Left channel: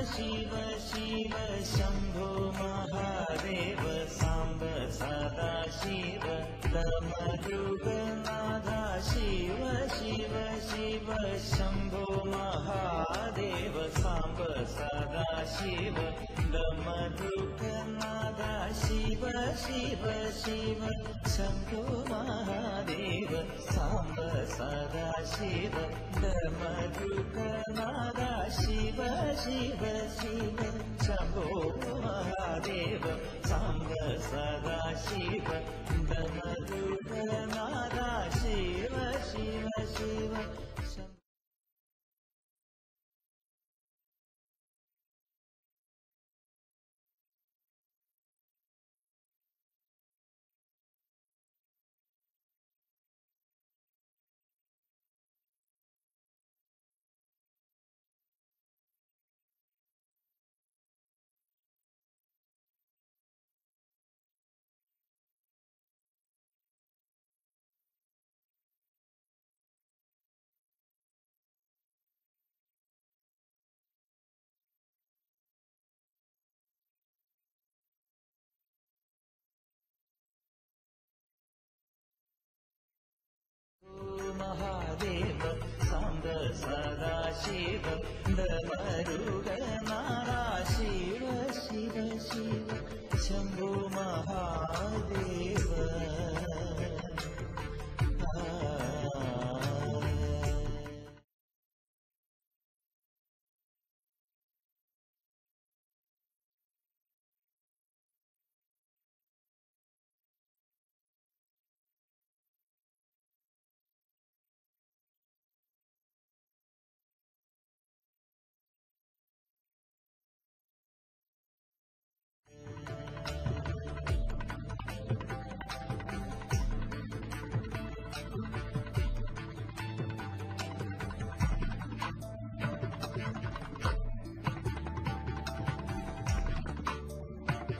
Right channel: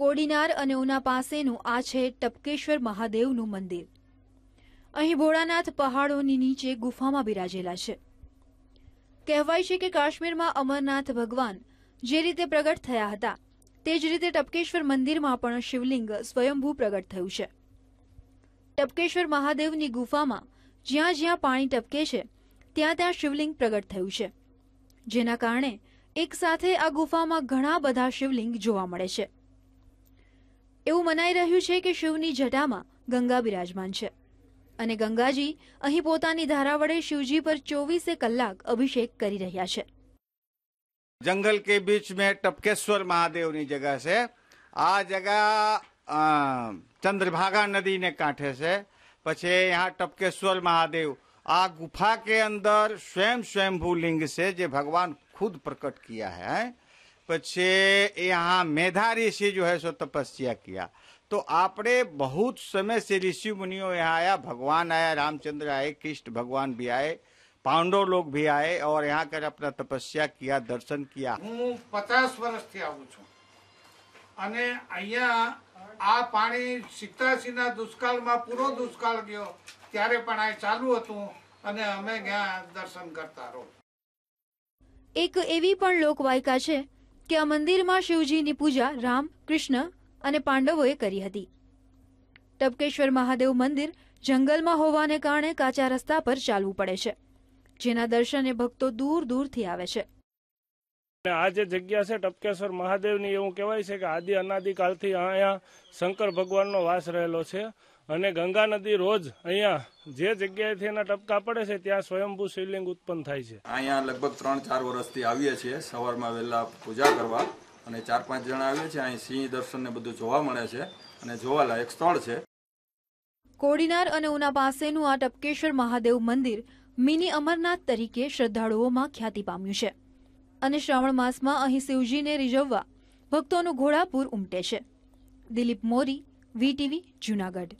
કોડીનાર અને ઉના પાસેનું આ છે ટપકેશ્વર મહાદેવનું મંદિર. અહીં ભોળાનાથ પહાડોની નીચે ગુફામાં બિરાજેલા છે. કહેવાય છે કે કાશ્મીરમાં અમરનાથ ભગવાન જે રીતે પ્રગટ થયા હતા, તે જ રીતે ટપકેશ્વર મંદિરમાં પણ શિવલિંગ સ્વયંભૂ પ્રગટ થયું છે. ટપકેશ્વર મહાદેવની ગુફામાં જ્યાં જ્યાં પાણી ટપકે છે, ત્યાં ત્યાં શિવલિંગ પ્રગટ થયું છે. જેના કારણે એક સાથે આ ગુફામાં ઘણા બધા શિવલિંગ જોવા મળે છે. એવું મનાઈ રહ્યું છે કે શિવની જટામાં ગંગા બિરાજમાન છે. અને ગંગાજી અહીં પોતાની ધારા વડે શિવજી પર ચોવીસે કલાક અભિષેક કરી રહ્યા છે. જંગલ કે બીચ મે ટપકેશ્વર મહાદેવની જગહ છે. આ જગહ ચંદ્રભાગા નદીને કાંઠે છે. પછી यहाँ ટપકેશ્વર મહાદેવ. આ ગુફા કે અંદર સ્વયં સ્વયંભૂ લિંગ છે જે ભગવાન खुद प्रकट किया है પછી यहाँ मेधा ऋषि जो है सो तपस्या किया तो आपने बहुत समय से ऋषि मुनियों यहाँ आया भगवान आया रामचंद्र आए कृष्ण भगवान भी आए पांडव लोग भी आए और यहाँ कर अपना तपस्या किया दर्शन किया હું પચાસ વર્ષથી આવું છું અને અહીંયા આ પાણી સિત્તાસી ના દુષ્કાળમાં પૂરો દુષ્કાળ ગયો ત્યારે પણ આ ચાલુ હતું અને અમે ત્યાં દર્શન કરતા રહો. એક એવી પણ લોકવાયકા છે કે આ મંદિરમાં શિવજીની પૂજા રામ કૃષ્ણ અને પાંડવોએ કરી હતી. ટપકેશ્વર મહાદેવ મંદિર જંગલમાં હોવાને કારણે કાચા રસ્તા પર ચાલવું પડે છે જેના દર્શને ભક્તો દૂર દૂરથી આવે છે. અને આ જે જગ્યા છે ટપકેશ્વર મહાદેવની એવું કહેવાય છે કે આદિ અનાદિકાળથી અહીંયા શંકર ભગવાનનો વાસ રહેલો છે. અને ગંગા નદી રોજ અહીંયા જે જગ્યાએથી એના ટપકા પડે છે ત્યાં સ્વયંભૂ શિવલિંગ ઉત્પન્ન થાય છે. અહીંયા લગભગ ત્રણ ચાર વર્ષથી આવીએ છીએ. સવારમાં વહેલા પૂજા કરવા અને ચાર પાંચ જણા આવીએ છીએ. અહીં સિંહ દર્શન ને બધું જોવા મળે છે અને જોવાલાયક સ્થળ છે. કોડીનાર અને ઉના પાસેનું આ ટપકેશ્વર મહાદેવ મંદિર મિની અમરનાથ તરીકે શ્રદ્ધાળુઓમાં ખ્યાતિ પામ્યું છે. અને શ્રાવણ માસમાં અહીં શિવજીને રીઝવવા ભક્તોનું ઘોડાપૂર ઉમટે છે. દિલીપ મોરી વીટીવી જુનાગઢ.